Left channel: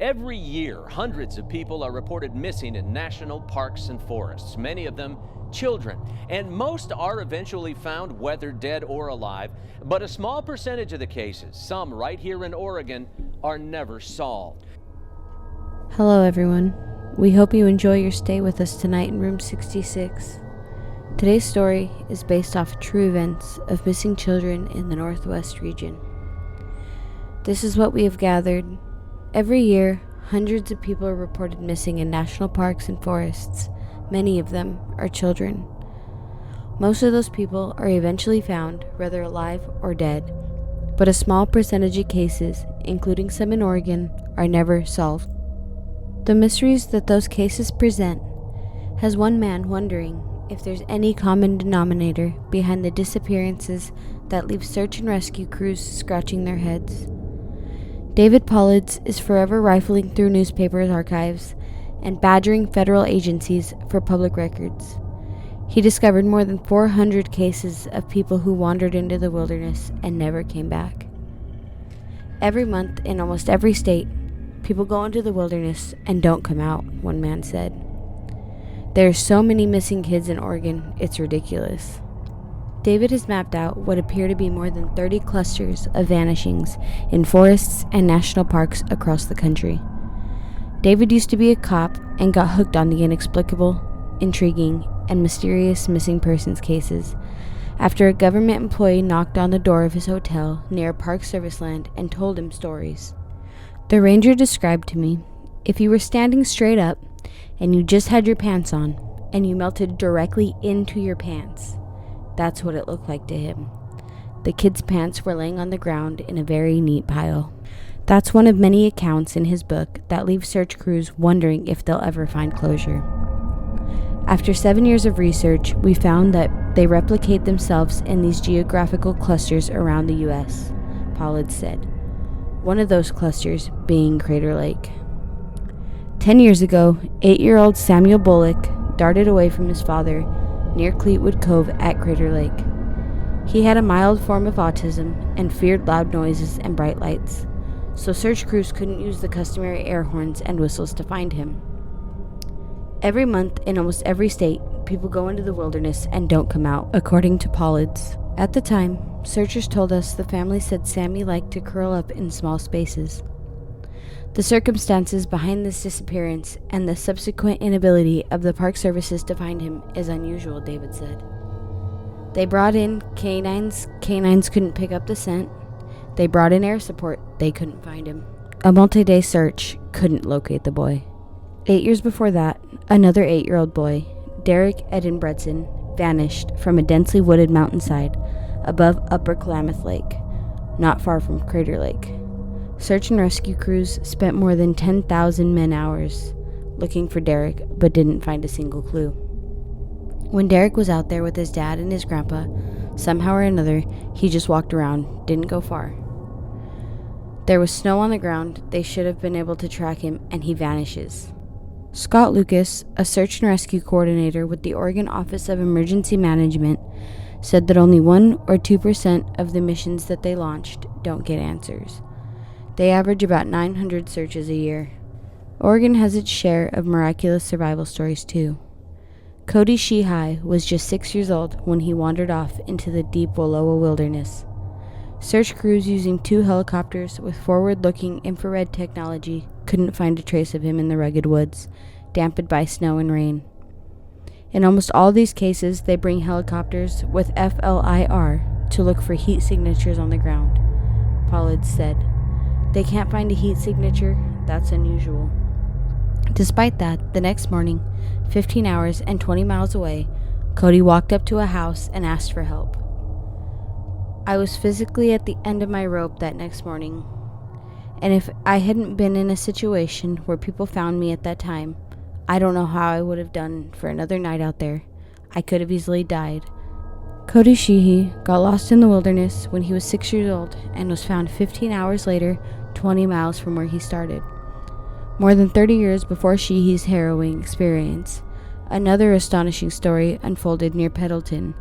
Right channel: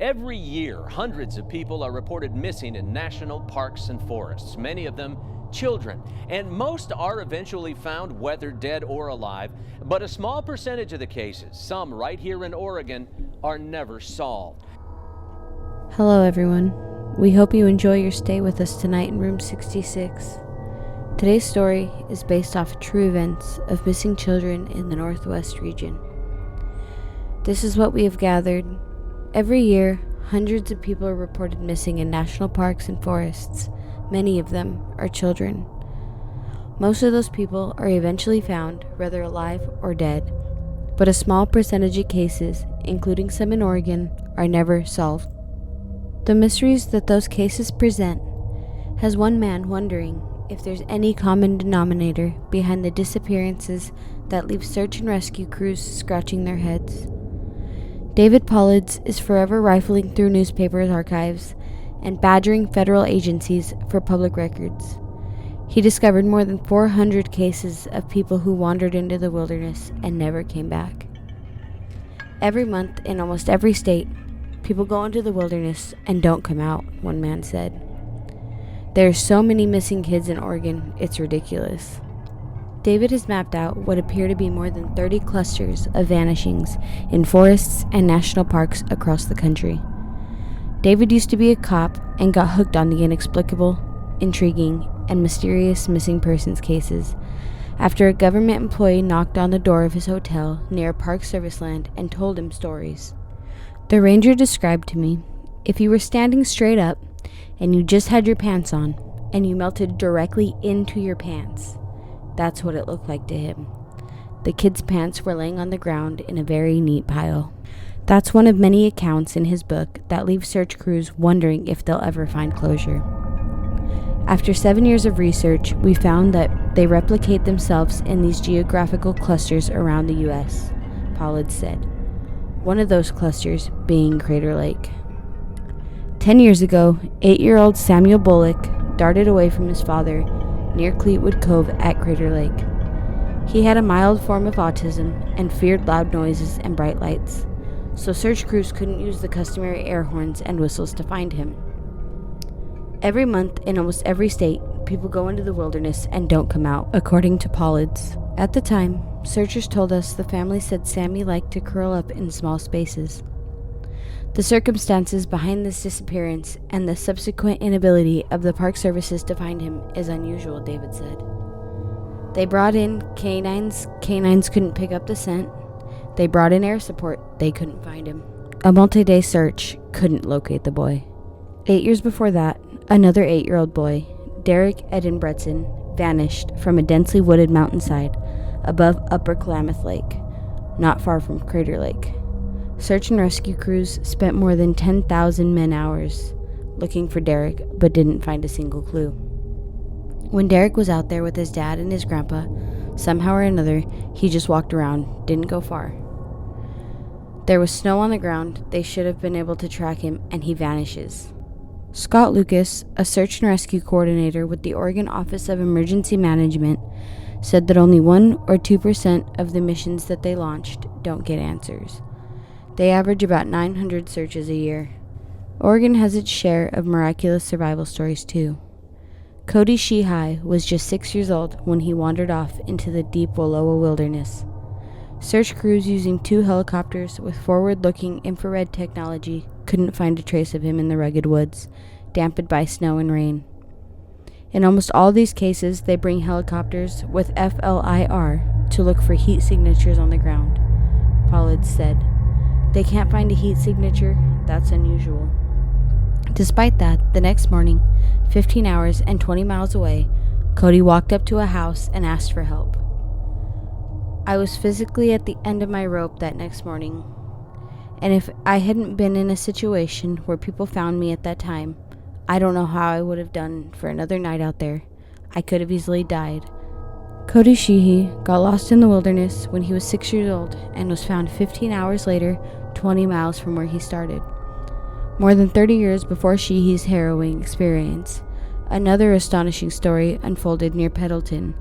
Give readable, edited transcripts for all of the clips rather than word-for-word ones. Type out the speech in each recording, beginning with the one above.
Every year, hundreds of people are reported missing in national parks and forests, many of them children. And most are eventually found, whether dead or alive. But a small percentage of the cases, some right here in Oregon, are never solved. Hello everyone. We hope you enjoy your stay with us tonight in room 66. Today's story is based off true events of missing children in the Northwest region. This is what we have gathered. Every year, hundreds of people are reported missing in national parks and forests. Many of them are children. Most of those people are eventually found, whether alive or dead, but a small percentage of cases, including some in Oregon, are never solved. The mysteries that those cases present has one man wondering if there's any common denominator behind the disappearances that leave search and rescue crews scratching their heads. Davidpaulides is forever rifling through newspapers' archives and badgering federal agencies for public records. He discovered more than 400 cases of people who wandered into the wilderness and never came back. Every month in almost every state, people go into the wilderness and don't come out, one man said. There are so many missing kids in Oregon, it's ridiculous. David has mapped out what appear to be more than 30 clusters of vanishings in forests and national parks across the country. David used to be a cop and got hooked on the inexplicable, intriguing, and mysterious missing persons cases after a government employee knocked on the door of his hotel near Park Service land and told him stories. The ranger described to me, if you were standing straight up and you just had your pants on and you melted directly into your pants, that's what it looked like to him. The kids' pants were laying on the ground in a very neat pile. That's one of many accounts in his book that leave search crews wondering if they'll ever find closure. After 7 years of research, we found that they replicate themselves in these geographical clusters around the U.S., Paulides said. One of those clusters being Crater Lake. 10 years ago, 8-year-old Samuel Bullock darted away from his father near Cleetwood Cove at Crater Lake. He had a mild form of autism and feared loud noises and bright lights, so search crews couldn't use the customary air horns and whistles to find him. Every month in almost every state, people go into the wilderness and don't come out, according to Paulides. At the time, searchers told us the family said Sammy liked to curl up in small spaces. The circumstances behind this disappearance and the subsequent inability of the Park Services to find him is unusual, David said. They brought in canines couldn't pick up the scent. They brought in air support, they couldn't find him. A multi-day search couldn't locate the boy. 8 years before that, another 8-year-old boy, Derek Eden Bretson, vanished from a densely wooded mountainside above Upper Klamath Lake, not far from Crater Lake. Search and rescue crews spent more than 10,000 man-hours looking for Derek, but didn't find a single clue. When Derek was out there with his dad and his grandpa, somehow or another, he just walked around, didn't go far. There was snow on the ground, they should have been able to track him, and he vanishes. Scott Lucas, a search and rescue coordinator with the Oregon Office of Emergency Management, said that only 1 or 2% of the missions that they launched don't get answers. They average about 900 searches a year. Oregon has its share of miraculous survival stories too. Cody Sheehy was just 6 years old when he wandered off into the deep Wallowa wilderness. Search crews using 2 helicopters with forward-looking infrared technology couldn't find a trace of him in the rugged woods, dampened by snow and rain. In almost all these cases, they bring helicopters with FLIR to look for heat signatures on the ground, Paulides said. They can't find a heat signature, that's unusual. Despite that, the next morning, 15 hours and 20 miles away, Cody walked up to a house and asked for help. I was physically at the end of my rope that next morning, and if I hadn't been in a situation where people found me at that time, I don't know how I would have done for another night out there. I could have easily died. Cody Sheehy got lost in the wilderness when he was 6 years old and was found 15 hours later, 20 miles from where he started. More than 30 years before Sheehy's harrowing experience, another astonishing story unfolded near Pendleton,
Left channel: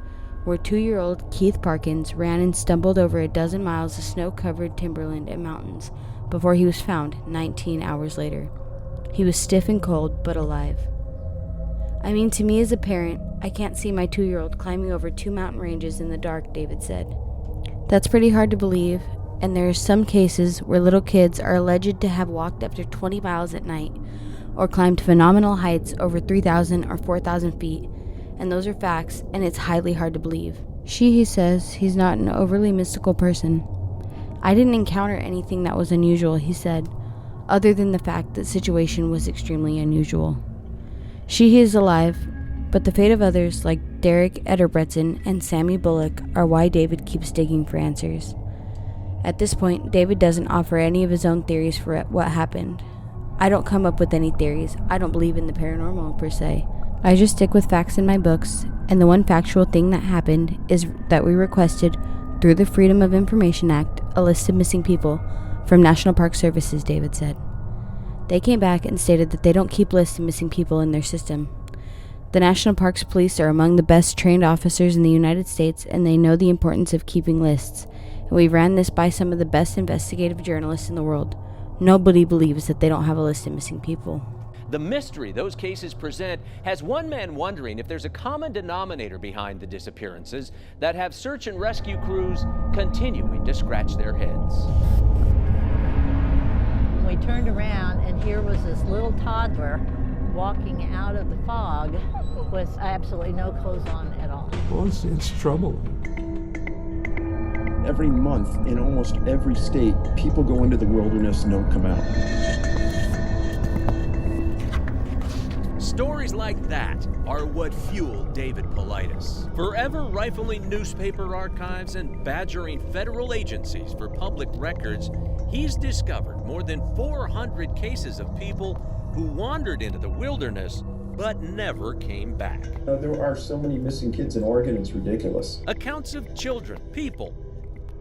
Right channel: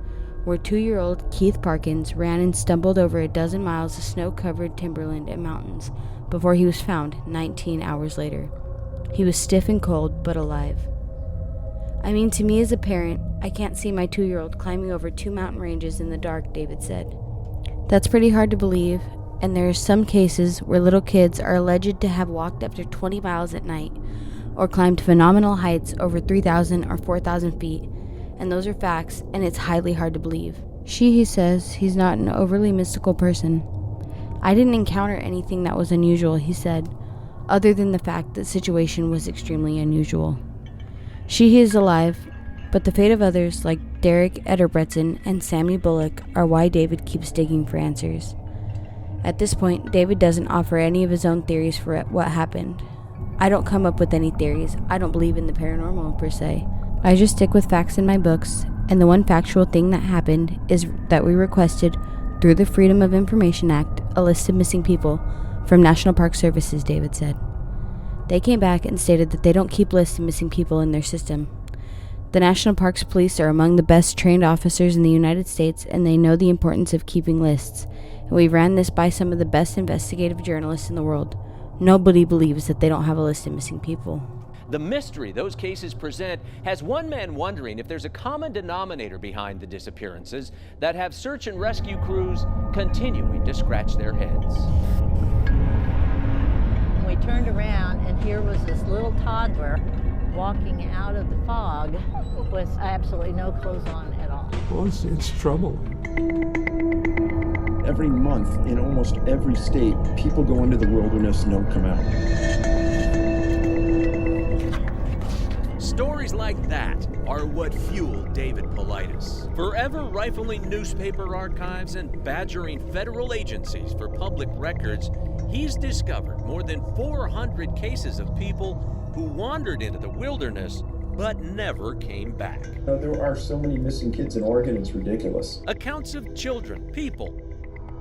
where 2-year-old Keith Parkins ran and stumbled over a dozen miles of snow-covered timberland and mountains before he was found 19 hours later. He was stiff and cold, but alive. I mean, to me as a parent, I can't see my 2-year-old climbing over 2 mountain ranges in the dark, David said. That's pretty hard to believe, and there are some cases where little kids are alleged to have walked up to 20 miles at night or climbed phenomenal heights over 3,000 or 4,000 feet, and those are facts, and it's highly hard to believe. He says he's not an overly mystical person. I didn't encounter anything that was unusual, he said, other than the fact that the situation was extremely unusual. He is alive, but the fate of others like Derek Ederbretson and Sammy Bullock are why David keeps digging for answers. At this point, David doesn't offer any of his own theories for what happened. I don't come up with any theories. I don't believe in the paranormal per se. I just stick with facts in my books, and the one factual thing that happened is that we requested, through the Freedom of Information Act, a list of missing people from National Park Services, David said. They came back and stated that they don't keep lists of missing people in their system. The National Parks Police are among the best trained officers in the United States, and they know the importance of keeping lists. And we've ran this by some of the best investigative journalists in the world. Nobody believes that they don't have a list of missing people. The mystery those cases present has one man wondering if there's a common denominator behind the disappearances that have search and rescue crews continuing to scratch their heads. We turned around, and here was this little toddler walking out of the fog with absolutely no clothes on at all. Well, it's troubling. Every month in almost every state, people go into the wilderness and don't come out. Stories like that are what fuel davidpaulides. Forever rifling newspaper archives and badgering federal agencies for public records, he's discovered more than 400 cases of people who wandered into the wilderness but never came back. There are so many missing kids in Oregon, it's ridiculous. Accounts of children, people,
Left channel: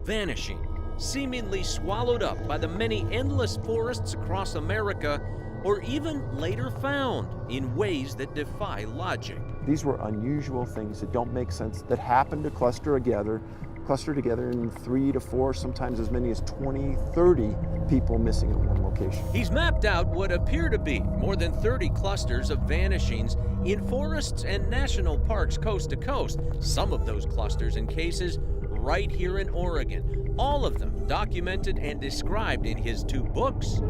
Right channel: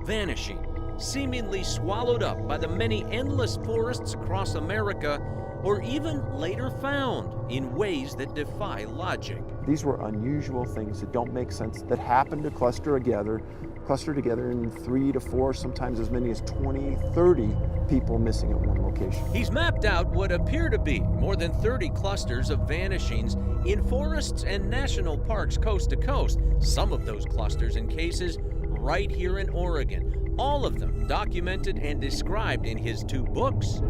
vanishing, seemingly swallowed up by the many endless forests across America, or even later found in ways that defy logic. These were unusual things that don't make sense, that happen to cluster together in 3 to 4, sometimes as many as 20, 30 people missing at one location. He's mapped out what appear to be more than 30 clusters of vanishings in forests and national parks coast to coast, some of those clusters and cases right here in Oregon, all of them documented and described in his 2 books.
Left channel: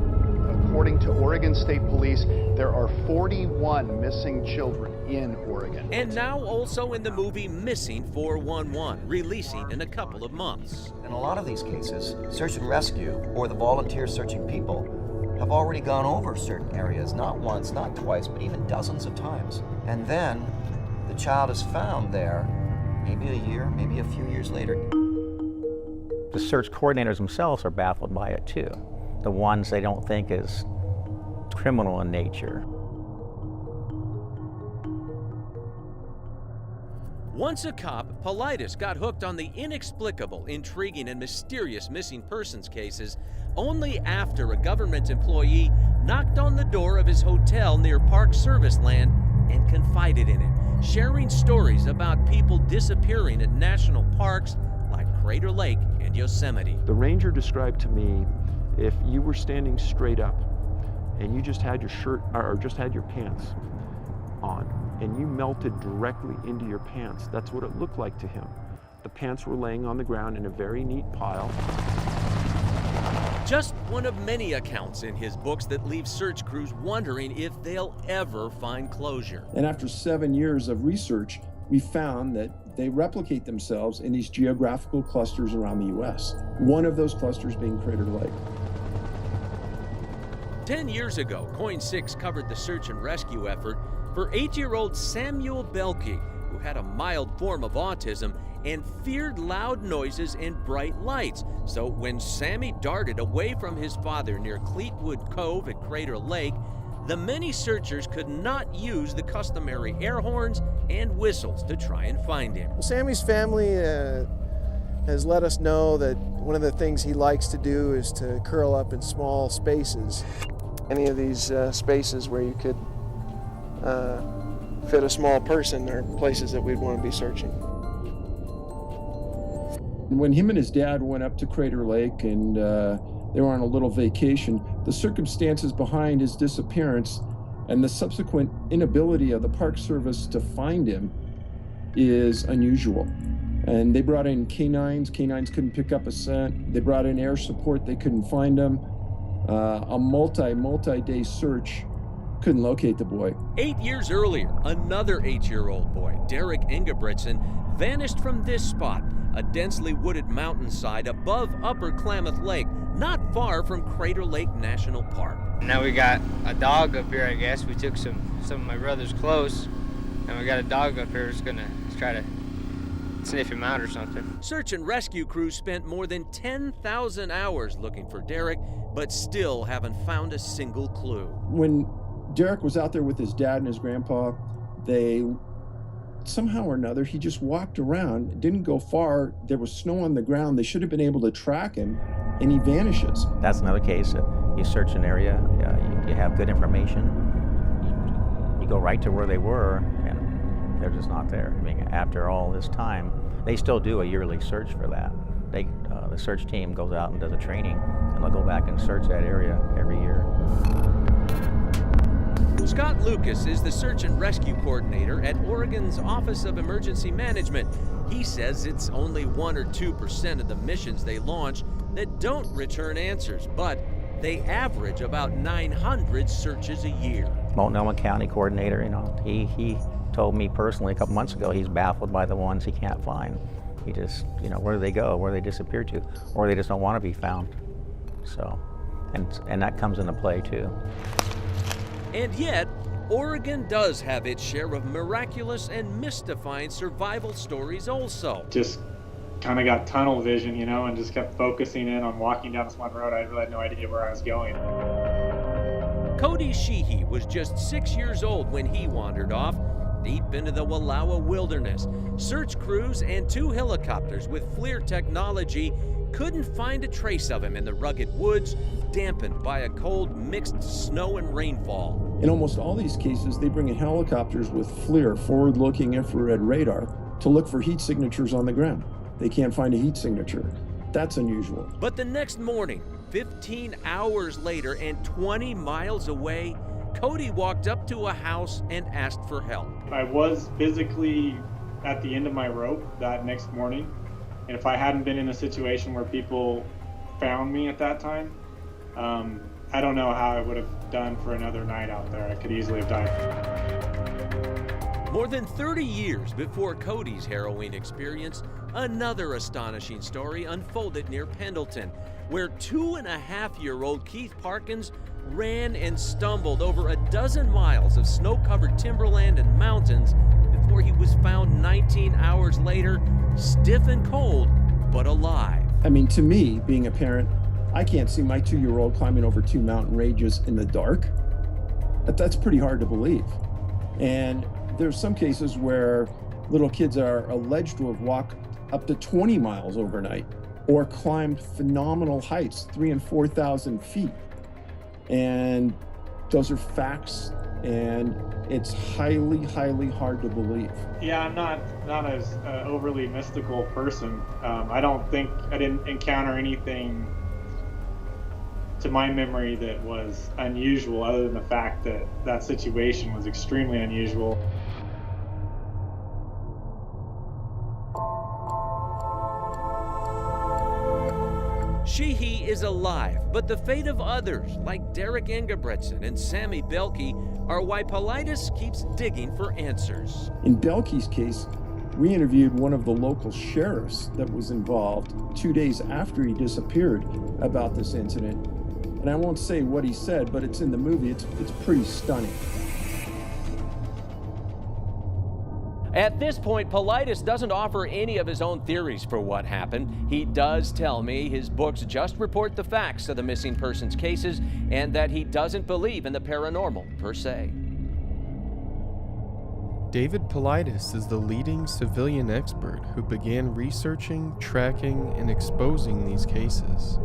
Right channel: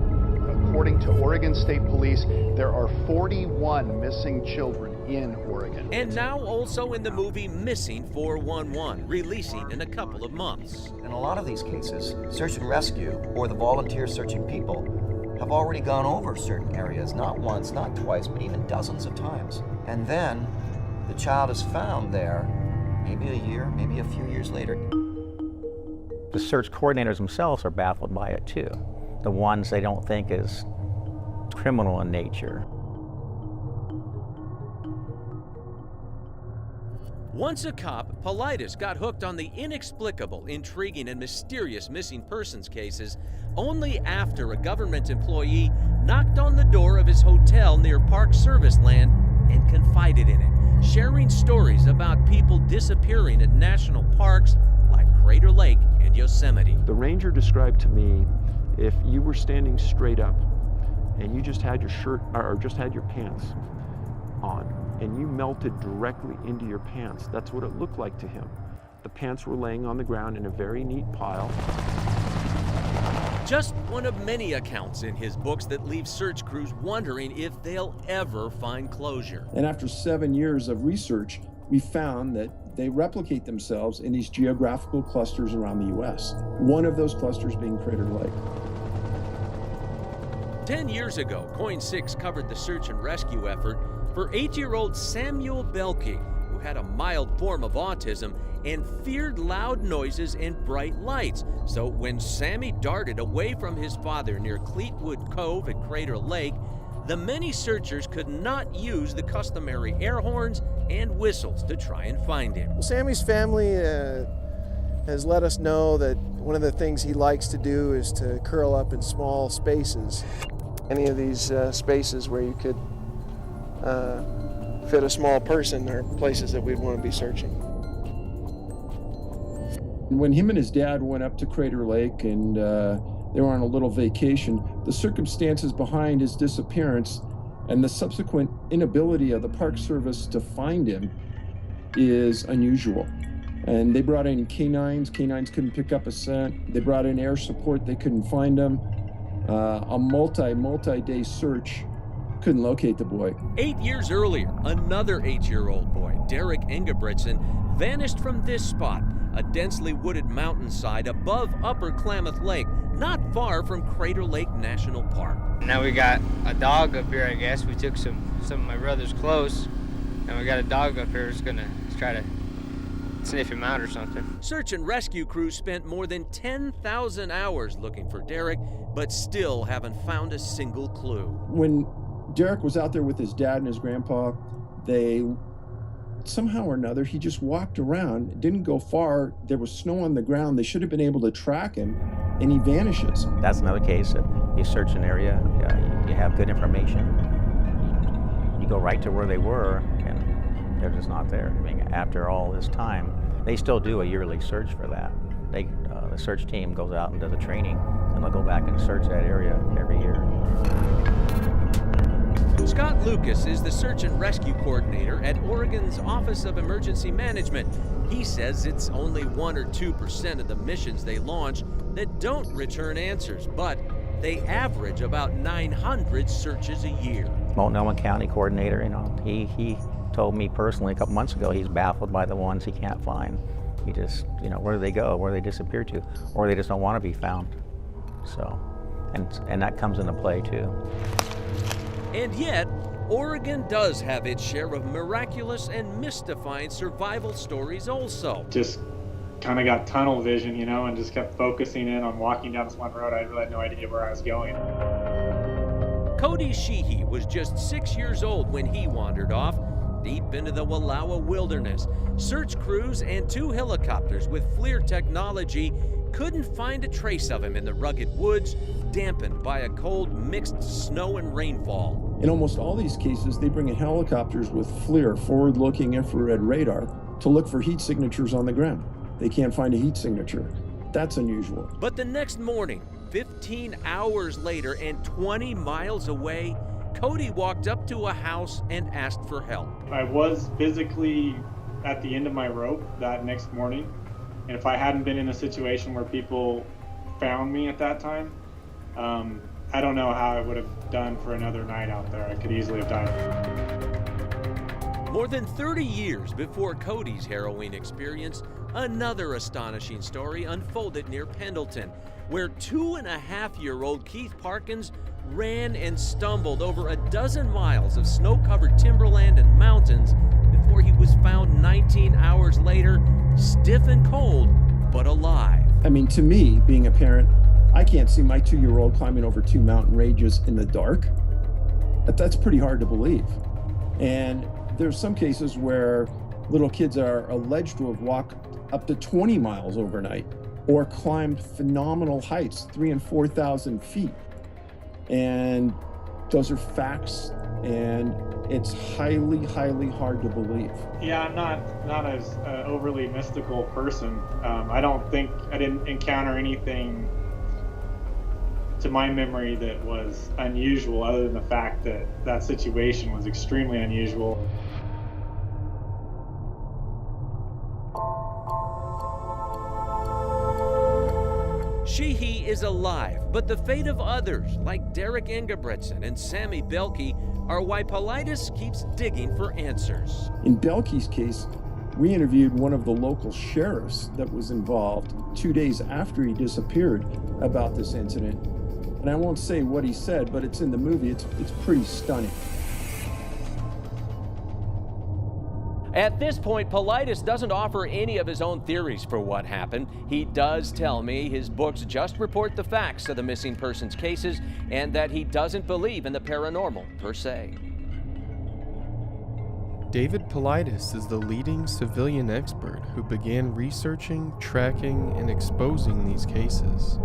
According to Oregon State Police, there are 41 missing children in Oregon. And now also in the movie Missing 411, releasing in a couple of months. In a lot of these cases, search and rescue, or the volunteer searching people, have already gone over certain areas, not once, not twice, but even dozens of times. And then the child is found there, maybe a year, maybe a few years later. The search coordinators themselves are baffled by it too. The ones they don't think is criminal in nature. Once a cop, Paulides got hooked on the inexplicable, intriguing, and mysterious missing persons cases only after a government employee knocked on the door of his hotel near Park Service land and confided in him, sharing stories about people disappearing at national parks like Crater Lake and Yosemite. The ranger described to me, if you were standing straight up and you just had your shirt or just had your pants on and you melted directly into your pants, that's what it looked like to him. The pants were laying on the ground in a very neat pile. Just one of many accounts in his books that leave search crews wondering if they'll ever find closure. And after 7 years of research, we found that they replicate themselves in these geographical clusters around the U.S. One of those clusters being Crater Lake. 10 years ago, Coin 6 covered the search and rescue effort for 8-year-old Samuel Belke, who had a mild form of autism and feared loud noises and bright lights. So when Sammy darted away from his father near Cleetwood Cove at Crater Lake, the many searchers could not use the customary air horns and whistles to try and find him. Well, Sammy's family has let us know that one of the things he likes to do is to curl up in small spaces. Any of these spaces where you could fit a small person are places that we'd want to be searching. When him and his dad went up to Crater Lake and They were on a little vacation. The circumstances behind his disappearance and the subsequent inability of the Park Service to find him is unusual. And they brought in canines. Canines couldn't pick up a scent. They brought in air support. They couldn't find him. A multi-day search couldn't locate the boy. 8 years earlier, another 8-year-old boy, Derek Ingebrigtsen, vanished from this spot, a densely wooded mountainside above Upper Klamath Lake, not far from Crater Lake National Park. Now we got a dog up here, I guess. We took some of my brother's clothes, and we got a dog up here that's gonna try to sniff him out or something. Search and rescue crews spent more than 10,000 hours looking for Derek, but still haven't found a single clue. When Derek was out there with his dad and his grandpa, they somehow or another, he just walked around, didn't go far. There was snow on the ground. They should have been able to track him, and he vanishes. That's another case. You search an area, you have good information, you go right to where they were, and they're just not there. I mean, after all this time, they still do a yearly search for that. The search team goes out and does a training, and they'll go back and search that area every year. Scott Lucas is the search and rescue coordinator at Oregon's Office of Emergency Management. He says it's only 1 or 2% of the missions they launch that don't return answers, but they average about 900 searches a year. Multnomah County coordinator, he told me personally a couple months ago he's baffled by the ones he can't find. He just, where do they go? Where do they disappear to? Or they just don't want to be found. So, and that comes into play too. And yet, Oregon does have its share of miraculous and mystifying survival stories also. Just kind of got tunnel vision, and just kept focusing in on walking down this one road. I really had no idea where I was going. Cody Sheehy was just 6 years old when he wandered off deep into the Wallowa wilderness. Search crews and 2 helicopters with FLIR technology couldn't find a trace of him in the rugged woods, dampened by a cold mixed snow and rainfall. In almost all these cases, they bring in helicopters with FLIR, forward-looking infrared radar, to look for heat signatures on the ground. They can't find a heat signature. That's unusual. But the next morning, 15 hours later and 20 miles away, Cody walked up to a house and asked for help. I was physically at the end of my rope that next morning, and if I hadn't been in a situation where people found me at that time, I don't know how I would have done for another night out there. I could easily have died. More than 30 years before Cody's harrowing experience, another astonishing story unfolded near Pendleton, where 2.5-year-old Keith Parkins ran and stumbled over a dozen miles of snow-covered timberland and mountains before he was found 19 hours later, stiff and cold, but alive. I mean, to me, being a parent, I can't see my 2-year-old climbing over 2 mountain ranges in the dark. That's pretty hard to believe. And there's some cases where little kids are alleged to have walked up to 20 miles overnight or climbed phenomenal heights, 3,000 and 4,000 feet. And those are facts, and it's highly, highly hard to believe. Yeah, I'm not as overly mystical person. I didn't encounter anything to my memory that was unusual, other than the fact that that situation was extremely unusual. Sheehy is alive, but the fate of others, like Derek Ingebrigtsen and Sammy Belke, are why Paulides keeps digging for answers. In Belke's case, we interviewed one of the local sheriffs that was involved 2 days after he disappeared about this incident. And I won't say what he said, but it's in the movie. It's pretty stunning. At this point, Paulides doesn't offer any of his own theories for what happened. He does tell me his books just report the facts of the missing persons cases and that he doesn't believe in the paranormal per se. David Paulides is the leading civilian expert who began researching, tracking, and exposing these cases.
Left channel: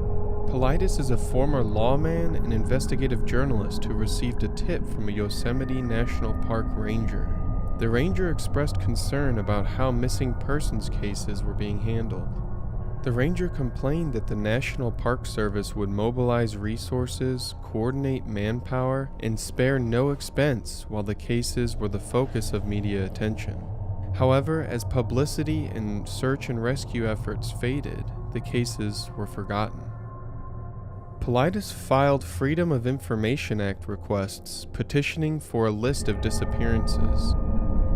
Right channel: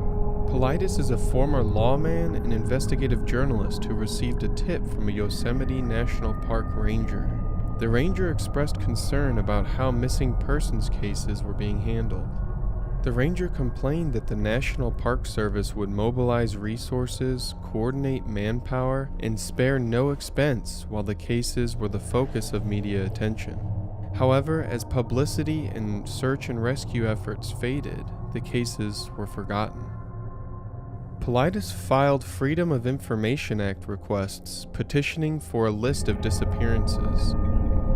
Paulides is a former lawman and investigative journalist who received a tip from a Yosemite National Park ranger. The ranger expressed concern about how missing persons cases were being handled. The ranger complained that the National Park Service would mobilize resources, coordinate manpower, and spare no expense while the cases were the focus of media attention. However, as publicity and search and rescue efforts faded, the cases were forgotten. Paulides filed Freedom of Information Act requests petitioning for a list of disappearances.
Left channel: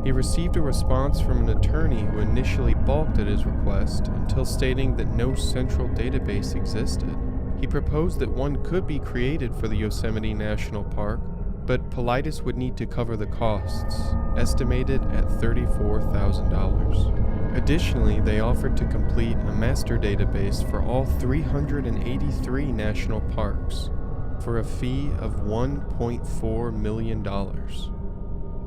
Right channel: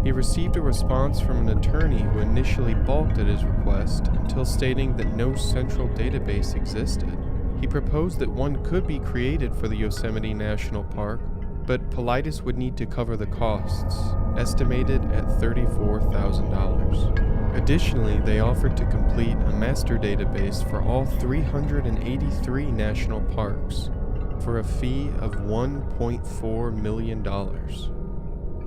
He received a response from an attorney who initially balked at his request until stating that no central database existed. He proposed that one could be created for the Yosemite National Park, but Paulides would need to cover the costs, estimated at $34,000. Additionally, they offered to complete a master database for all 383 national parks for a fee of $1.4 million.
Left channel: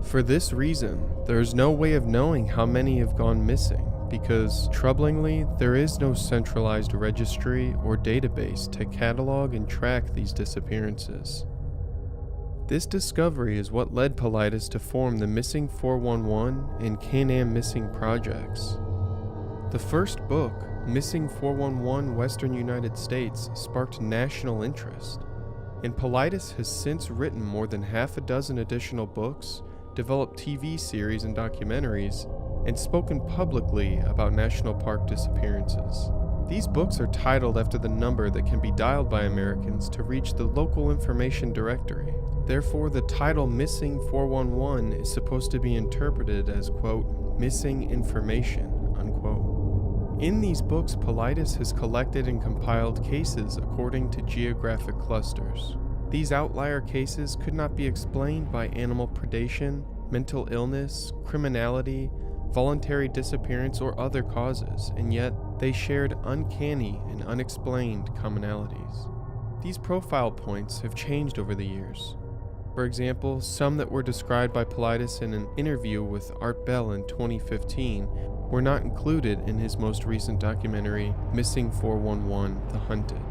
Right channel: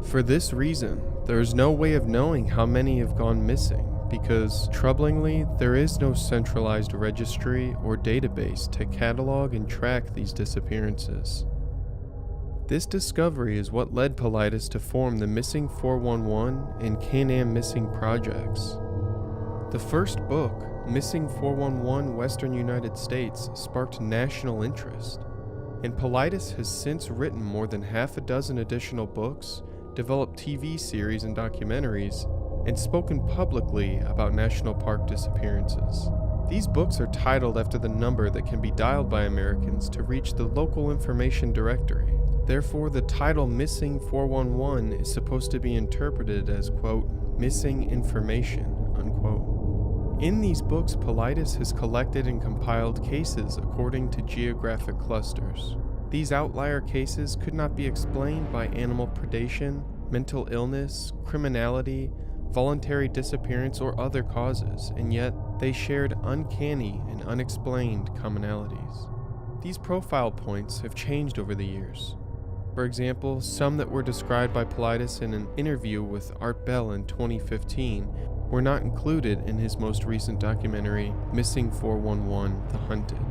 For this reason, there is no way of knowing how many have gone missing because, troublingly, there is no centralized registry or database to catalog and track these disappearances. This discovery is what led Paulides to form the Missing 411 and Can-Am Missing projects. The first book, Missing 411 Western United States, sparked national interest, and Paulides has since written more than half a dozen additional books, developed TV series and documentaries, and spoken publicly about national park disappearances. These books are titled after the number that can be dialed by Americans to reach the local information directory. Therefore, the title Missing 411 is supposed to be interpreted as, quote, missing information, unquote. In these books, Paulides has collected and compiled cases according to geographic clusters. These outlier cases could not be explained by animal predation, mental illness, criminality, voluntary disappearance, or other causes, and yet they shared uncanny and unexplained commonalities. These profile points have changed over the years. For example, some that were described by Paulides in an interview with Art Bell in 2015 were not included in his most recent documentary, Missing 411: The Hunted.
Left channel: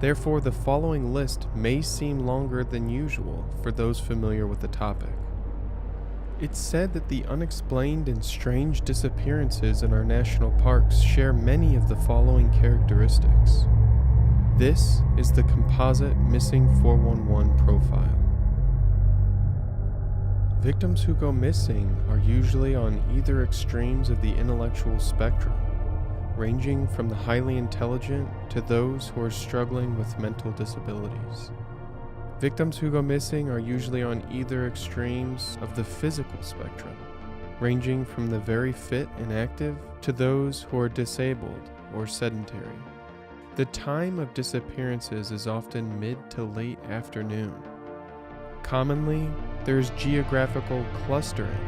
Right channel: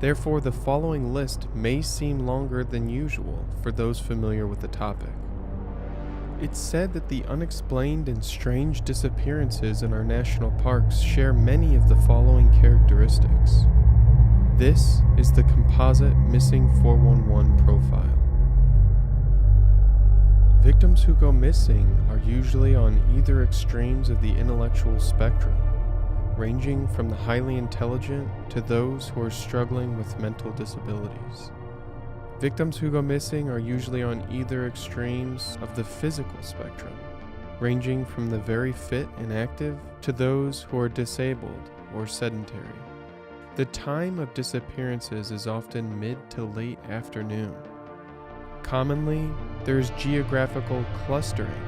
Therefore, the following list may seem longer than usual for those familiar with the topic. It's said that the unexplained and strange disappearances in our national parks share many of the following characteristics. This is the composite Missing 411 profile. Victims who go missing are usually on either extremes of the intellectual spectrum, ranging from the highly intelligent to those who are struggling with mental disabilities. Victims who go missing are usually on either extremes of the physical spectrum, ranging from the very fit and active to those who are disabled or sedentary. The time of disappearances is often mid to late afternoon. Commonly, there is geographical clustering,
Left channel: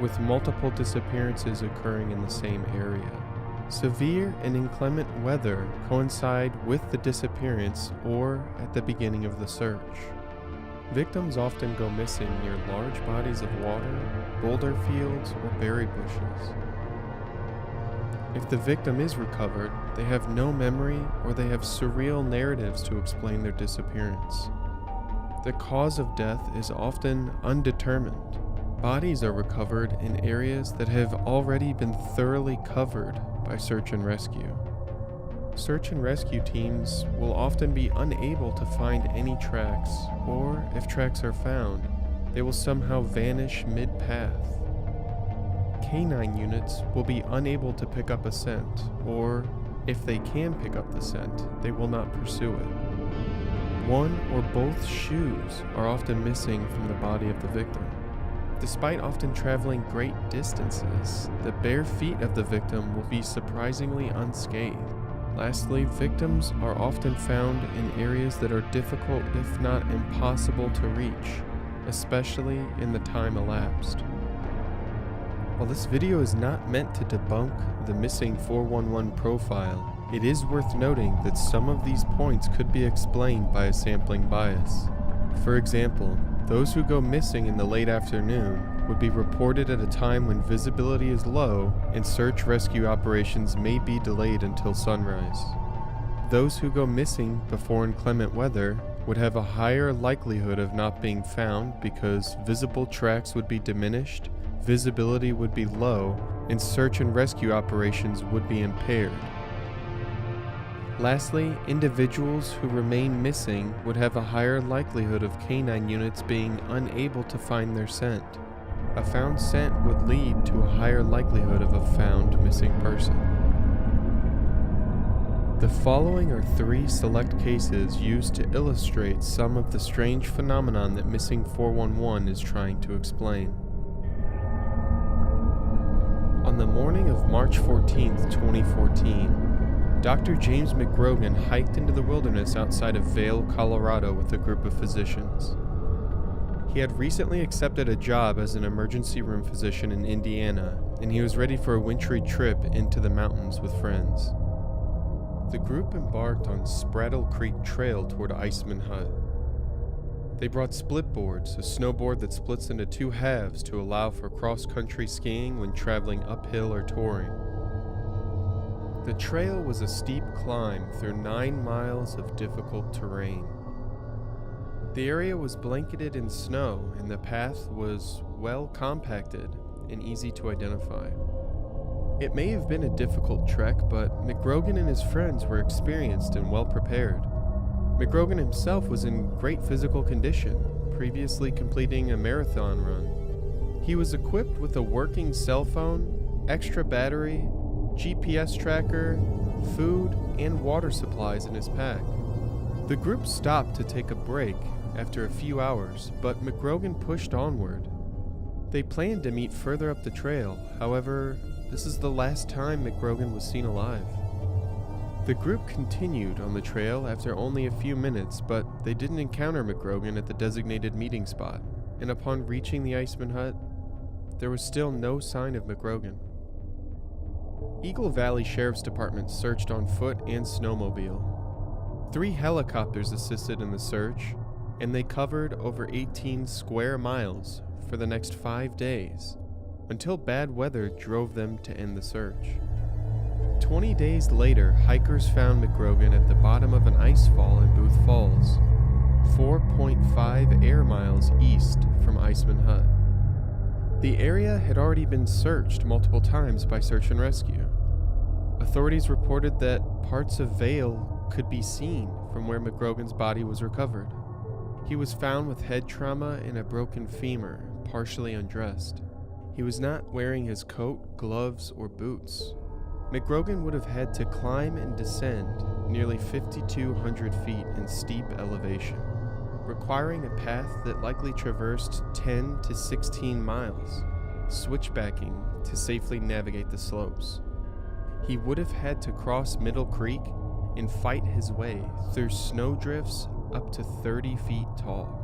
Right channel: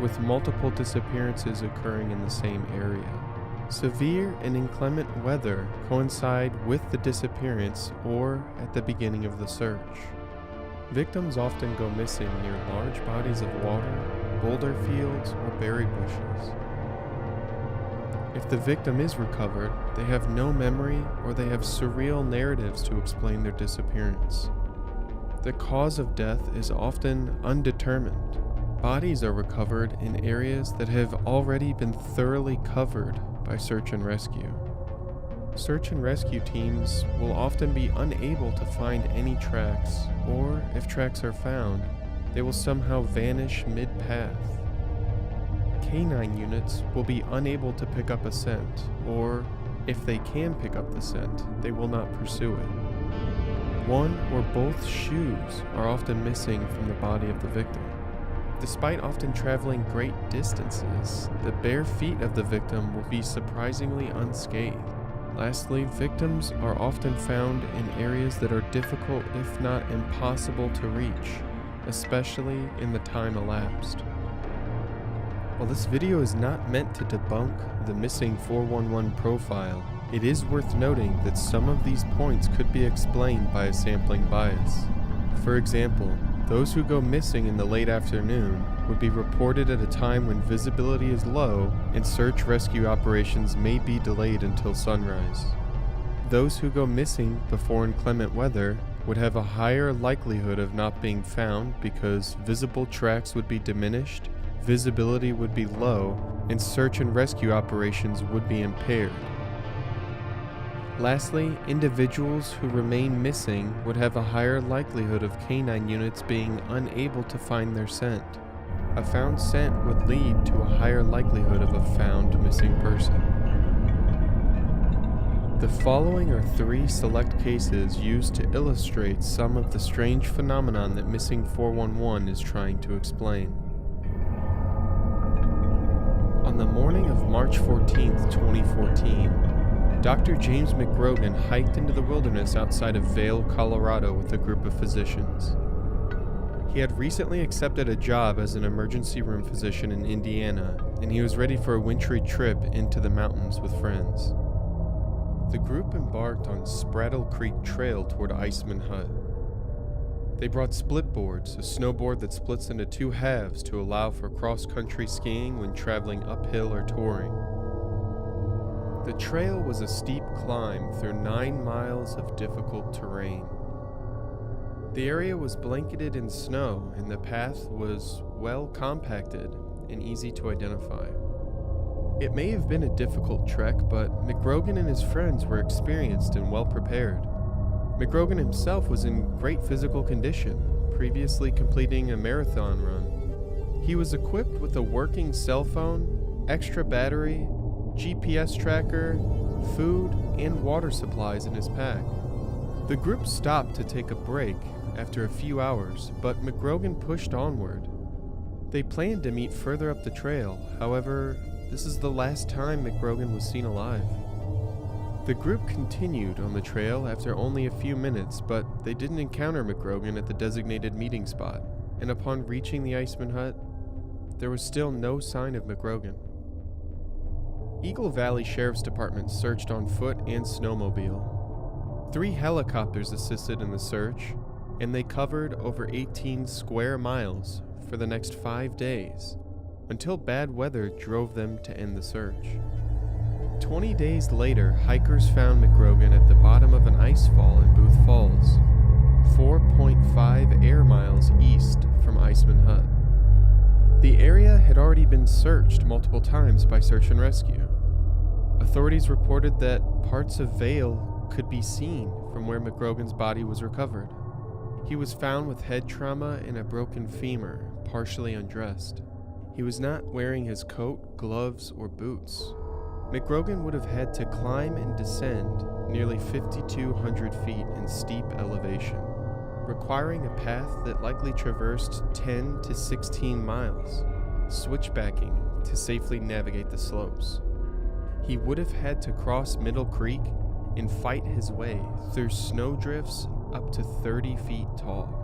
with multiple disappearances occurring in the same area. Severe and inclement weather coincide with the disappearance or at the beginning of the search. Victims often go missing near large bodies of water, boulder fields, or berry bushes. If the victim is recovered, they have no memory or they have surreal narratives to explain their disappearance. The cause of death is often undetermined. Bodies are recovered in areas that have already been thoroughly covered by search and rescue. Search and rescue teams will often be unable to find any tracks, or if tracks are found, they will somehow vanish mid-path. Canine units will be unable to pick up a scent, or if they can pick up the scent, they will not pursue it. One or both shoes are often missing from the body of the victim. Despite often traveling great distances, the bare feet of the victim will be surprisingly unscathed. Lastly, victims are often found in areas that are difficult, if not impossible, to reach, especially in the time elapsed. While this video is not meant to debunk the Missing 411 profile, it is worth noting that some of these points could be explained by a sampling bias. For example, those who go missing in the late afternoon would be reported at a time when visibility is low and search rescue operations may be delayed until sunrise. Those who go missing before inclement weather would have a higher likelihood of not being found because visible tracks would be diminished, visibility would be low, and search and rescue operations would be impaired. Lastly, individuals who remain missing would have a higher likelihood of canine units being unable to find their scent. A found scent would lead to a higher likelihood of a found missing person. The following are 3 select cases used to illustrate some of the strange phenomenon that Missing 411 is trying to explain. On the morning of March 14, 2014, Dr. James McGrogan hiked into the wilderness outside of Vail, Colorado with a group of physicians. He had recently accepted a job as an emergency room physician in Indiana, and he was ready for a wintry trip into the mountains with friends. The group embarked on Spraddle Creek Trail toward Iceman Hut. They brought split boards, a snowboard that splits into 2 halves to allow for cross-country skiing when traveling uphill or touring. The trail was a steep climb through 9 miles of difficult terrain. The area was blanketed in snow, and the path was well compacted and easy to identify. It may have been a difficult trek, but McGrogan and his friends were experienced and well prepared. McGrogan himself was in great physical condition, previously completing a marathon run. He was equipped with a working cell phone, extra battery, GPS tracker, food, and water supplies in his pack. The group stopped to take a break after a few hours, but McGrogan pushed onward. They planned to meet further up the trail, however, this is the last time McGrogan was seen alive. The group continued on the trail after only a few minutes, but they didn't encounter McGrogan at the designated meeting spot, and upon reaching the Iceman Hut, there was still no sign of McGrogan. Eagle Valley Sheriff's Department searched on foot and snowmobile. 3 helicopters assisted in the search, and they covered over 18 square miles for the next 5 days, until bad weather drove them to end the search. 20 days later, hikers found McGrogan at the bottom of an ice fall in Booth Falls, 4.5 air miles east from Iceman Hut. The area had already been searched multiple times by search and rescue. Authorities reported that parts of Vail could be seen from where McGrogan's body was recovered. He was found with head trauma and a broken femur, partially undressed. He was not wearing his coat, gloves, or boots. McGrogan would have had to climb and descend nearly 5,200 feet in steep elevation, requiring a path that likely traversed 10 to 16 miles, switchbacking to safely navigate the slopes. He would have had to cross Middle Creek and fight his way through snowdrifts up to 30 feet tall.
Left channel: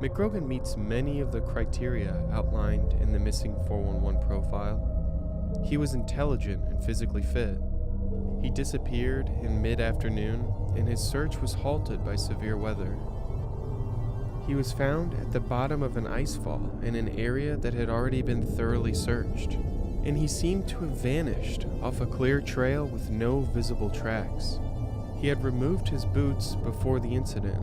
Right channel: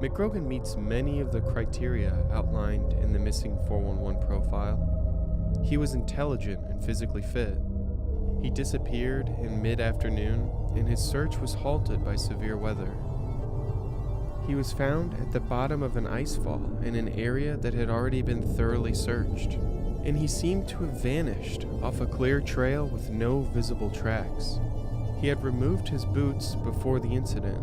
McGrogan meets many of the criteria outlined in the Missing 411 profile. He was intelligent and physically fit. He disappeared in mid-afternoon, and his search was halted by severe weather. He was found at the bottom of an ice fall in an area that had already been thoroughly searched, and he seemed to have vanished off a clear trail with no visible tracks. He had removed his boots before the incident,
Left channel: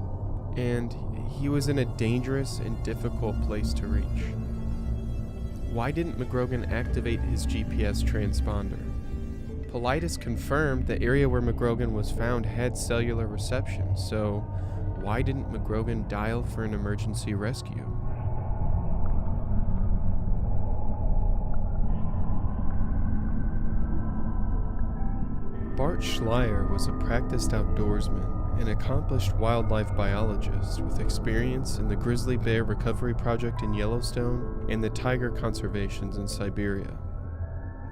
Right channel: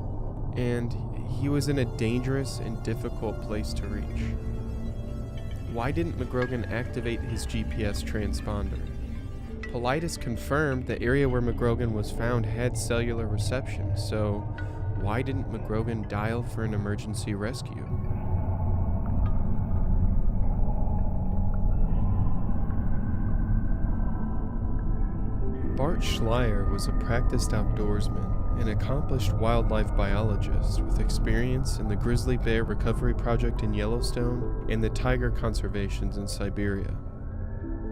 and he was in a dangerous and difficult place to reach. Why didn't McGrogan activate his GPS transponder? Paulides confirmed the area where McGrogan was found had cellular reception, so why didn't McGrogan dial for an emergency rescue? Bart Schleier was a practiced outdoorsman, an accomplished wildlife biologist with experience in the grizzly bear recovery project in Yellowstone and the tiger conservations in Siberia.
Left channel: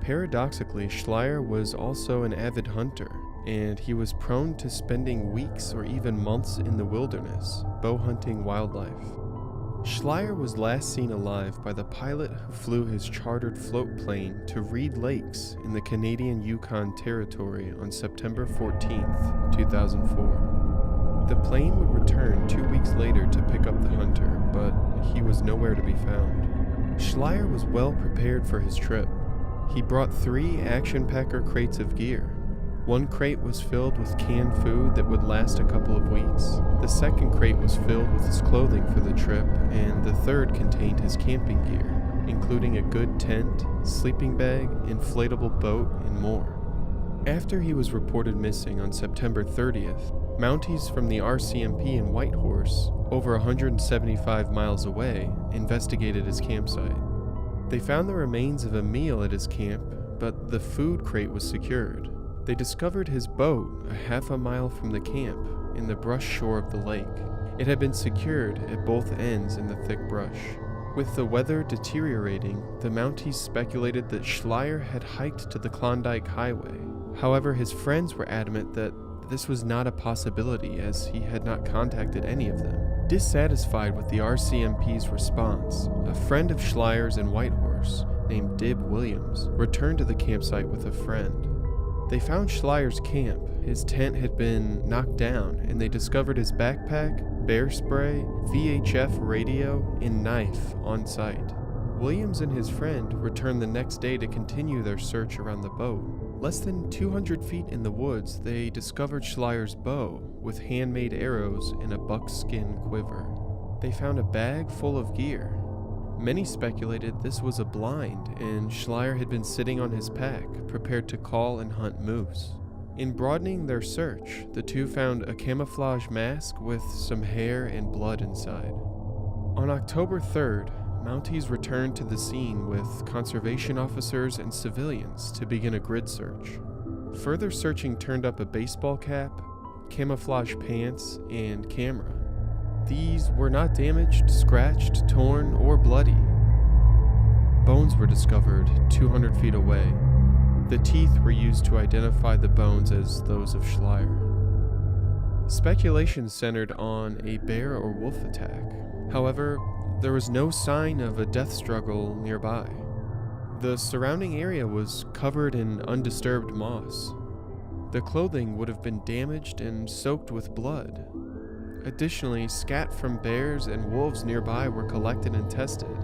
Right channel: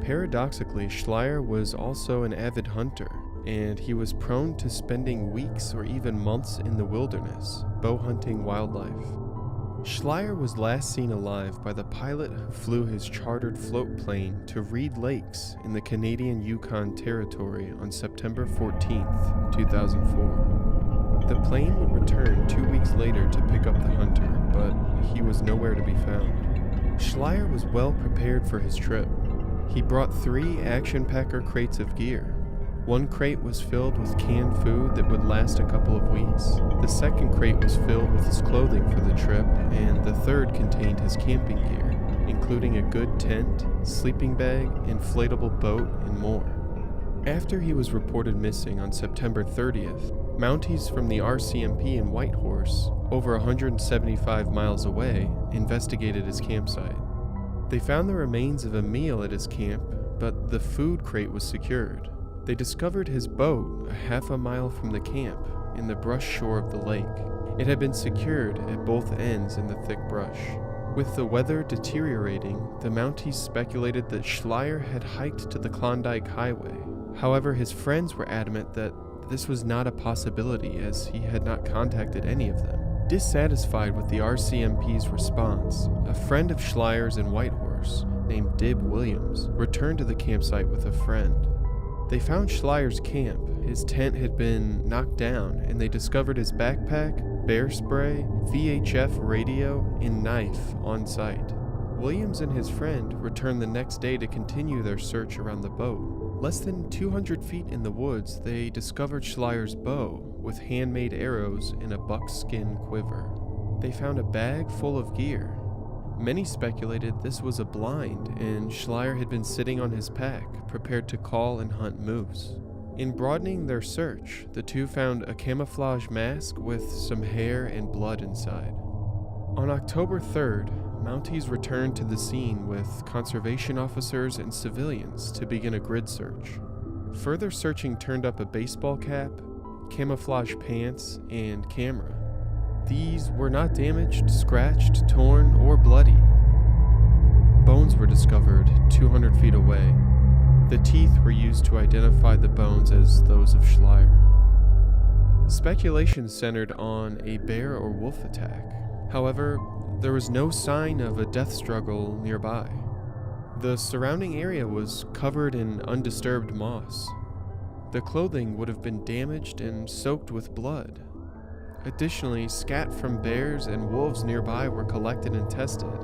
Paradoxically, Schleier was also an avid hunter, and he was prone to spending weeks or even months in the wilderness, bow hunting wildlife. Schleier was last seen alive by the pilot who flew his chartered float plane to Reed Lakes in the Canadian Yukon Territory on September 14, 2004. The plane would return 2 weeks later to pick up the hunter, but he was nowhere to be found. Schleier was well prepared for his trip. He brought 3 Action Packer crates of gear. One crate was filled with canned food that would last a couple of weeks. The second crate was filled with his clothing for the trip, and the third contained his camping gear, including a good tent, sleeping bag, inflatable boat, and more. After he was reported missing on September 30th, Mounties from the RCMP in Whitehorse, over 175 miles away, investigated his campsite. They found the remains of a meal at his camp, but the food crate was secured. They discovered his boat a half a mile from the camp in the brush shore of the lake. It had been secured at both ends in the thick brush. With the weather deteriorating, the Mounties speculated that Schleier had hiked to the Klondike Highway. However, his friends were adamant that this was not a possibility, as he had not contacted any of them. Dissatisfied with the RCMP's response, a friend of Schleier's in Whitehorse, named Dib Williams, returned to the campsite with a friend. They found Schleier's camp. His tent had been knocked down, and they discovered his backpack, bear spray, VHF radio, and knife on site. Williams and his friend returned the next day to continue their search around the boat. Less than 200 feet in the woods, they discovered Schleier's bow with handmade arrows and a buckskin quiver. They found a bag full of gear. Many speculated this was a blind, and Schleier had been sitting on his pack, prepared to call and hunt moose. In broadening their search, the two found a camouflage mask with some hair and blood inside. On October 3rd, Mounties returned to the scene with conservation officers and civilians to begin a grid search. Further searching turned up a baseball cap, camouflage pants, and camera. These were not damaged, scratched, torn, or bloody. Bones were discovered 200 feet away. The teeth were used to identify the bones as those of Schleier. Speculation centered on a bear or wolf attack. However, there was no sign of a death struggle nearby. The surrounding area was covered in undisturbed moss. The clothing would have been damaged and soaked with blood. Additionally, scat from bears and wolves nearby were collected and tested.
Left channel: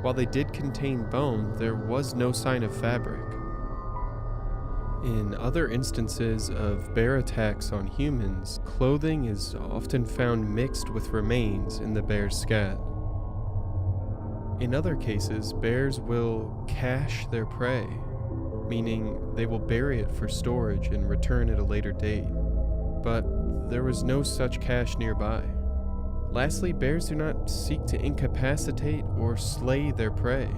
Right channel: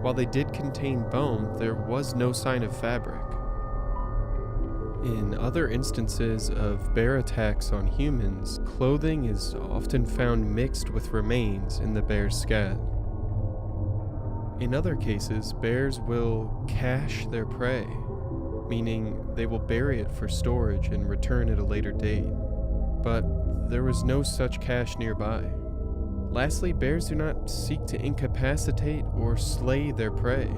While they did contain bone, there was no sign of fabric. In other instances of bear attacks on humans, clothing is often found mixed with remains in the bear's scat. In other cases, bears will cache their prey, meaning they will bury it for storage and return at a later date. But there was no such cache nearby. Lastly, bears do not seek to incapacitate or slay their prey.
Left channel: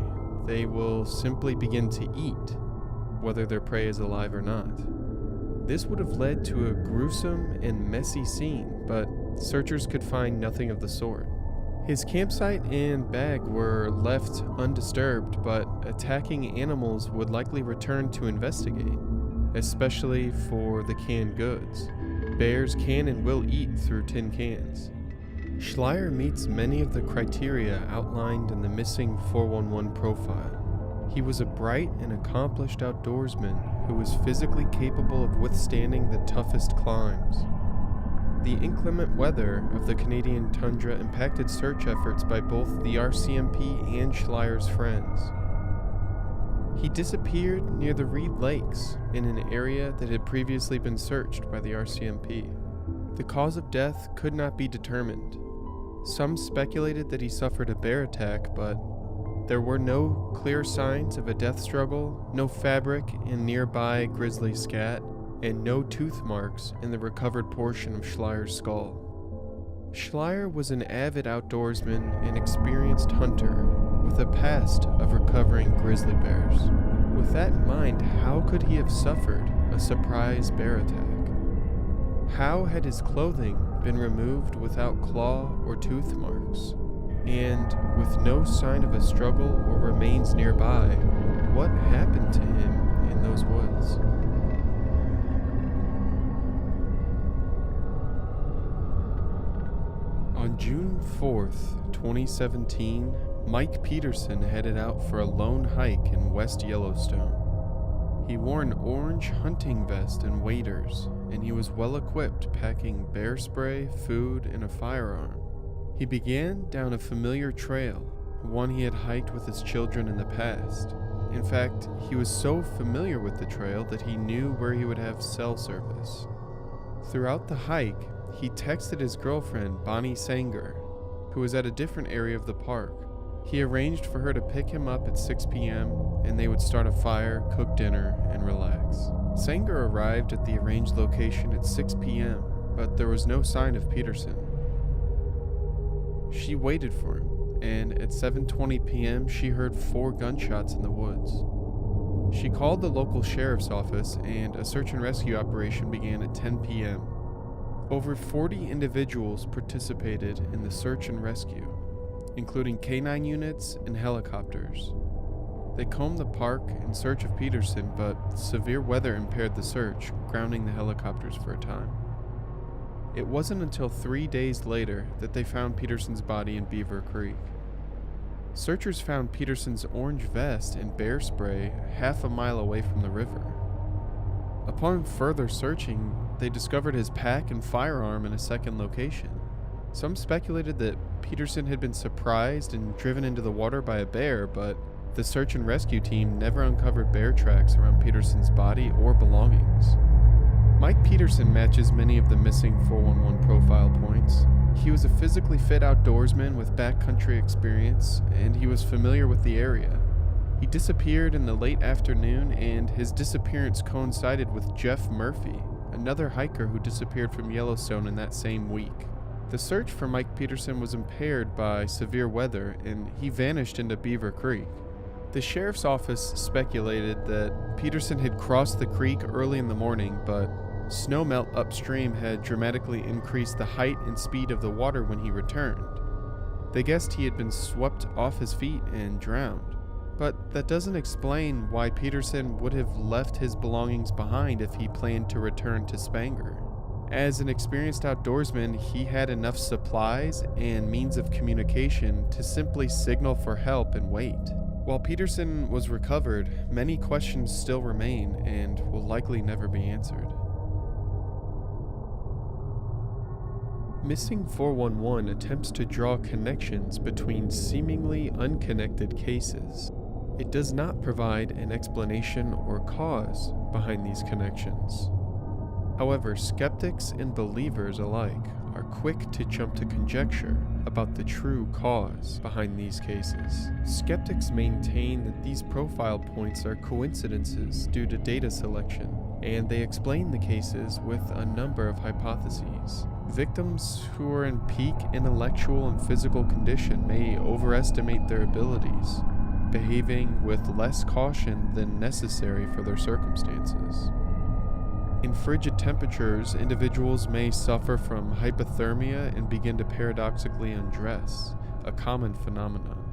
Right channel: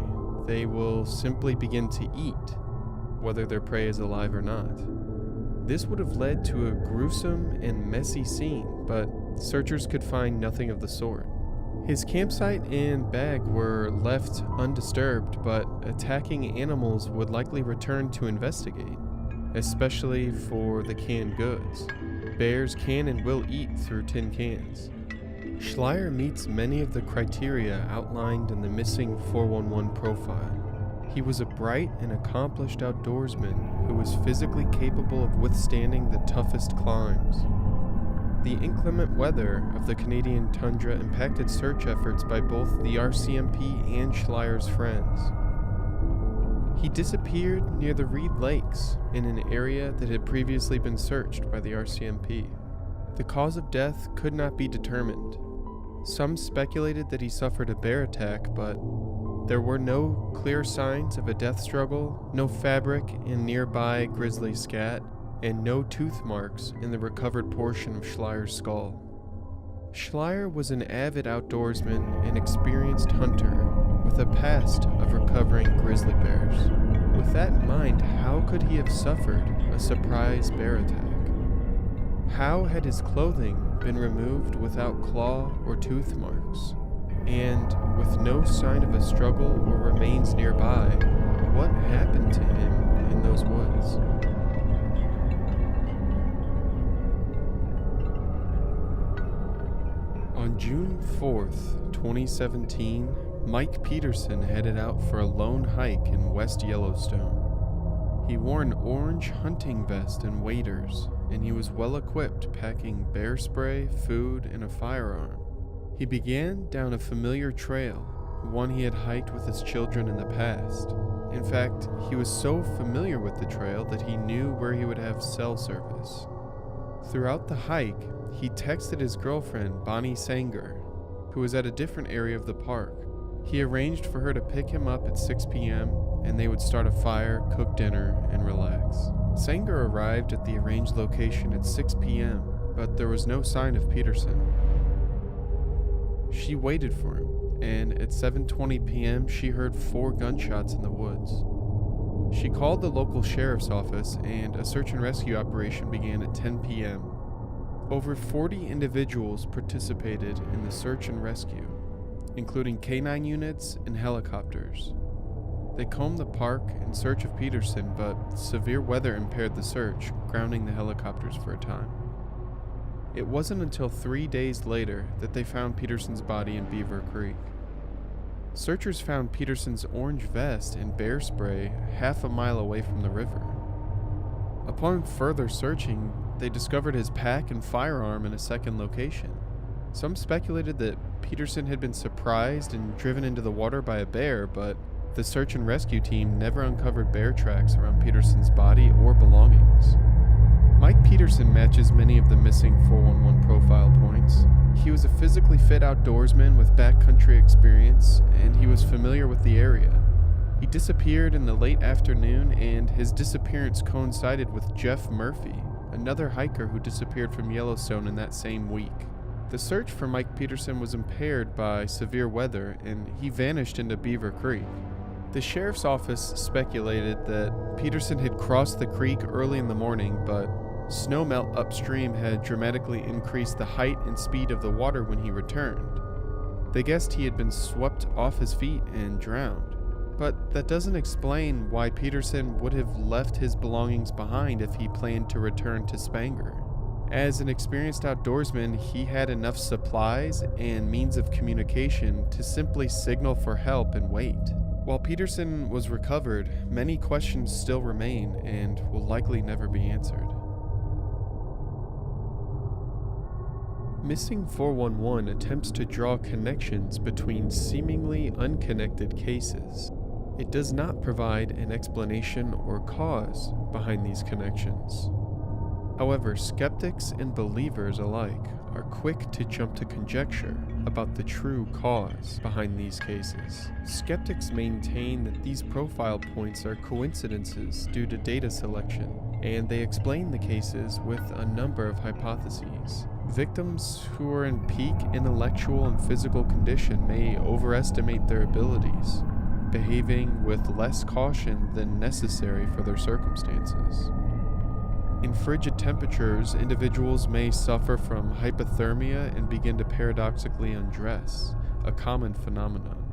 They will simply begin to eat, whether their prey is alive or not. This would have led to a gruesome and messy scene, but searchers could find nothing of the sort. His campsite and bag were left undisturbed, but attacking animals would likely return to investigate, especially for the canned goods. Bears can and will eat through tin cans. Schleier meets many of the criteria outlined in the missing 411 profile. He was a bright and accomplished outdoorsman who was physically capable of withstanding the toughest climbs. The inclement weather of the Canadian tundra impacted search efforts by both the RCMP and Schleier's friends. He disappeared near the Reed Lakes in an area that had previously been searched by the RCMP. The cause of death could not be determined. Some speculated that he suffered a bear attack, but there were no clear signs of a death struggle, no fabric in nearby grizzly scat, and no tooth marks in the recovered portion of Schleier's skull. Schleier was an avid outdoorsman and experienced hunter with a past of recovering grizzly bears. With that in mind, how could he have suffered a surprise bear attack? How had his clothing been removed without claw or tooth marks? And with no sign of a struggle or remains nearby, what happened to him in those woods? On June 4th, 2017, Mike Peterson headed out for a lone hike in West Yellowstone. He wore an orange hunting vest and waders, and he was well equipped, packing bear spray, food, and a firearm. He began down a familiar trail, one he had hiked with his children in the past. In fact, he was so familiar with the trail that he knew where he would have cell service. Throughout the hike, he texted his girlfriend, Bonnie Sanger, who was at a different area of the park. He arranged for her to pick him up at 6 p.m., and they would start a fire, cook dinner, and relax. Sanger arrived at the arranged location at 6 p.m., but there was no sign of Peterson. She waited for him, and at 7:20 p.m. she heard 4 gunshots in the woods. She called the local sheriff's office, and a search and rescue operation began at 10 p.m. Over 40 individuals participated in the search and rescue, including canine units and helicopters. They combed the park in search of Peterson, but severe weather impaired the search, grounding the helicopters for a time. It wasn't until 3 days later that they found Peterson's body in Beaver Creek. Searchers found Peterson's orange vest and bear spray half a mile away from the river. Upon further searching, they discovered his pack and firearm in a second location. Some speculated that Peterson had been surprised and driven into the water by a bear, but the search and rescue team never uncovered bear tracks around Peterson's body or belongings. Mike Peterson matches many of the missing 411 profile points. He was a physically fit outdoorsman with backcountry experience, and he was familiar with the area. He disappeared in the late afternoon, and his disappearance coincided with Jeff Murphy, another hiker who disappeared from Yellowstone in that same week. The search for Mike Peterson was impaired by severe weather, and he vanished into Beaver Creek. The sheriff's office speculated that Peterson had crossed the creek early in the morning, but snowmelt upstream had dramatically increased the height and speed of the water when he returned. They guessed he had been swept off his feet and drowned. But that doesn't explain why Peterson would have left his belongings behind if he planned to return to Spanger. As an experienced outdoorsman, he had enough supplies and means of communication to simply signal for help and wait. While Peterson was recovered, many questions still remain and will likely never be answered. Missing 411 attempts to draw connections between seemingly unconnected cases. It does not provide an explanation or cause behind these connections. However, skeptics and believers alike are quick to jump to conjecture about the true cause behind these cases. Skeptics maintain that these profile points are coincidences due to data selection, and they explain the cases with a number of hypotheses. Victims who are in peak intellectual and physical condition may overestimate their abilities, behaving with less caution than necessary for their circumstances. In frigid temperatures, individuals may suffer from hypothermia and begin to paradoxically undress, a common phenomenon.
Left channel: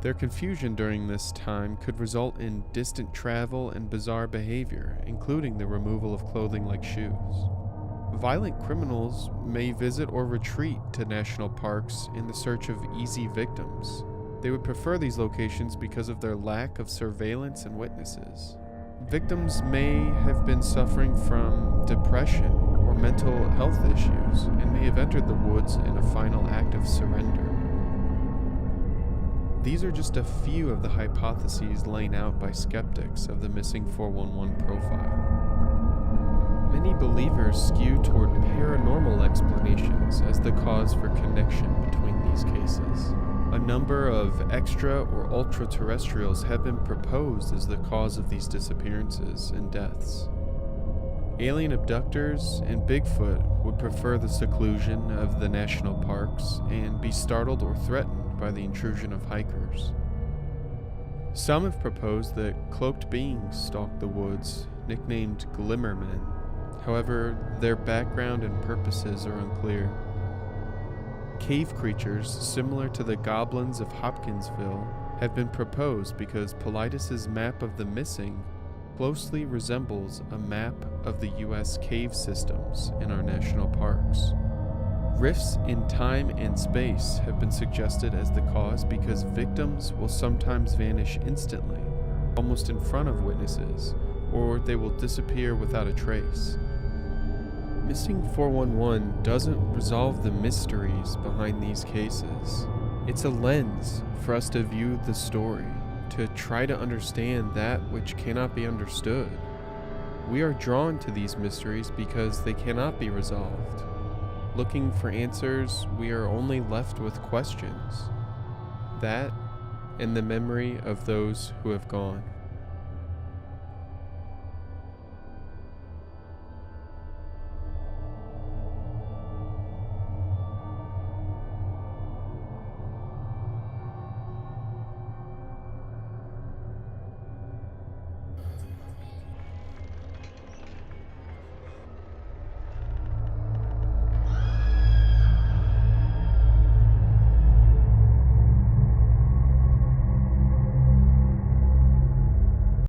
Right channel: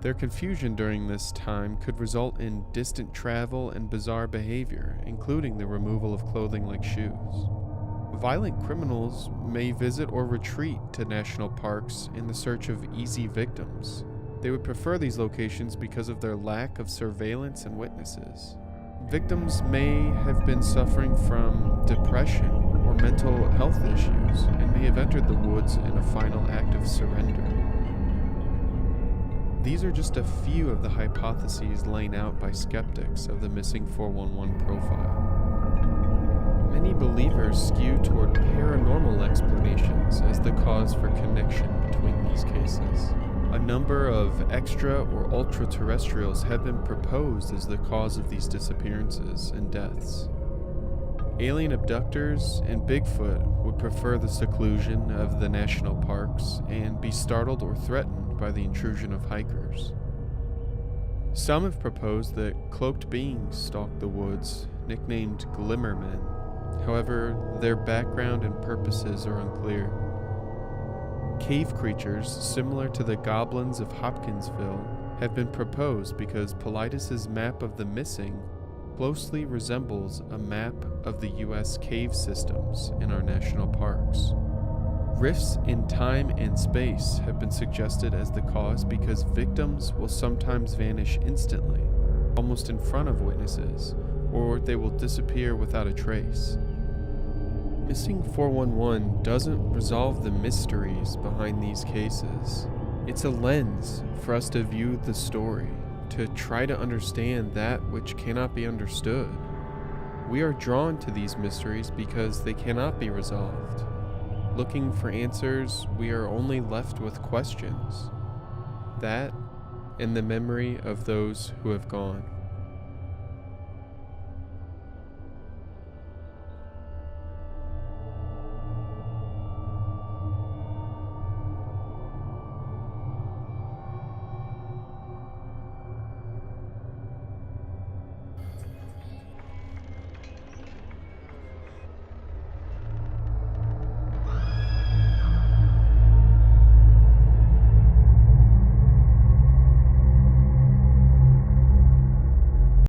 Their confusion during this time could result in distant travel and bizarre behavior, including the removal of clothing like shoes. Violent criminals may visit or retreat to national parks in the search of easy victims. They would prefer these locations because of their lack of surveillance and witnesses. Victims may have been suffering from depression or mental health issues and may have entered the woods in a final act of surrender. These are just a few of the hypotheses laid out by skeptics of the missing 411 profile. Many believers skew toward paranormal explanations as the cause for connection between these cases. A number of extra or ultra-terrestrials have been proposed as the cause of these disappearances and deaths. Alien abductors and Bigfoot would prefer the seclusion of the national parks and be startled or threatened by the intrusion of hikers. Some have proposed that cloaked beings stalk the woods, nicknamed Glimmermen. However, their background and purposes are unclear. Cave creatures, similar to the goblins of Hopkinsville, have been proposed because Paulides' map of the missing closely resembles a map of the U.S. cave systems in our national parks. Rifts in time and space have been suggested as the cause because victims will sometimes vanish instantly, almost in front of witnesses, or they will disappear without a trace. Missing 411 doesn't resolve the mysteries behind these cases. It's a lens for us to view the story, to try to understand that which cannot be understood. We are drawn to these mysteries because they cannot be resolved. Looking for answers, we are only left with questions. That and the memory of those who have gone.